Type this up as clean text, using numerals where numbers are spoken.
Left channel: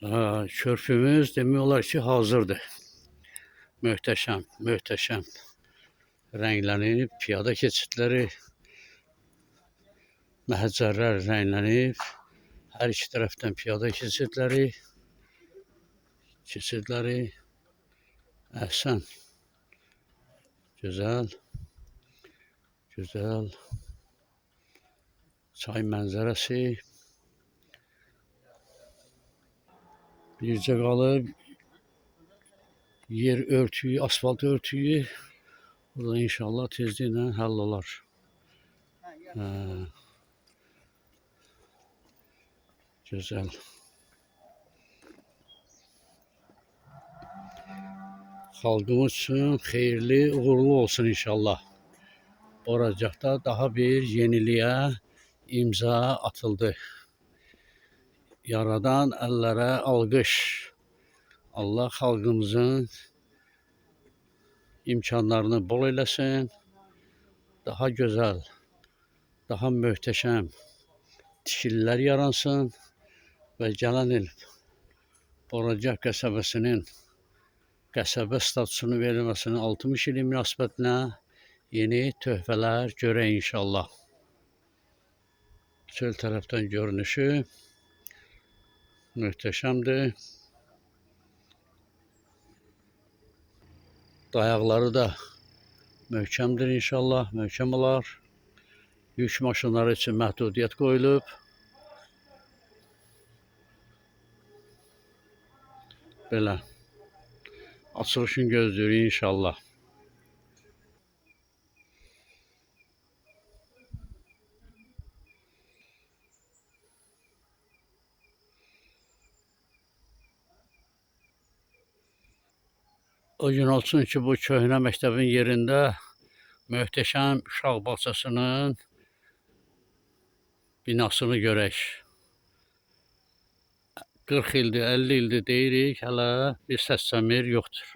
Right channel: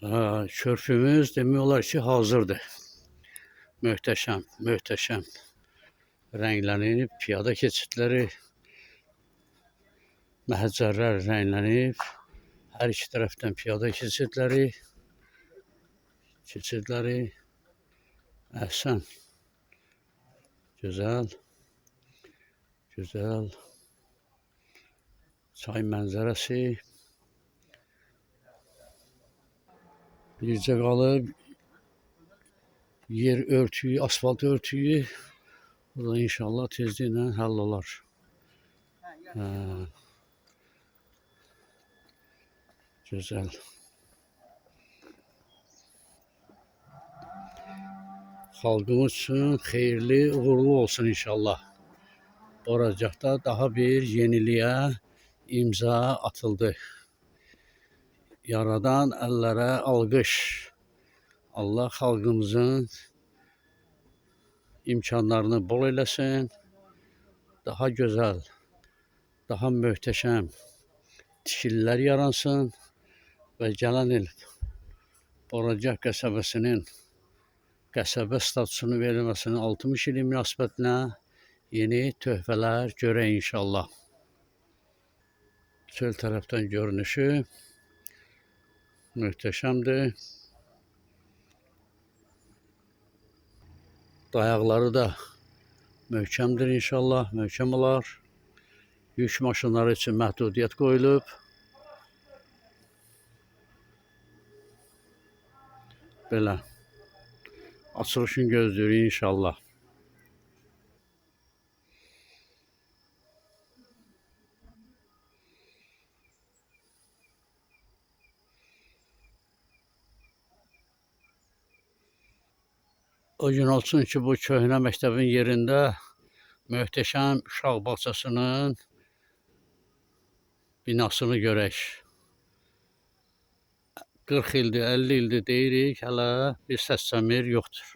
Körpümüz demək olar ki, hazırdır. Möhtəşəm, möhtəşəm rənglənib, piyada keçidləri, məhəccərlər rənglənib. Hər iki tərəfdən piyada keçidləri, əhsən, gözəl, gözəl, çay mənzərəsi. Bircə qalıb yer örtüyü, asfalt örtüyü. Bu da inşallah tezliklə həll olar. Güzel. Xalqımız üçün xeyirli, uğurlu olsun inşallah. Boracaqda daha bir yeniliğe imza atıldı. Yaradan əllərə alqış. Allah xalqımızın imkanlarını bol eləsin. Daha gözəl, daha möhtəşəm tikililər yaransın və gələn il Boracaq qəsəbəsinin qəsəbə statusunu verilməsinin 60 ili münasibətinə yeni töhfələr görək inşallah. Çöl tərəfdən görünüşü möhtəşəmdir. Dayaqları da möhkəmdir inşallah, möhkəm olar. Yük maşınları üçün məhdudiyyət qoyulub. Belə. Açılışını gözləyirik inşallah. O gün olsun ki, bu köhnə məktəbin yerində möhtəşəm uşaq bağçasının binasını görək. 40 ildir, 50 ildir deyirik, hələ bir səs-səmir yoxdur.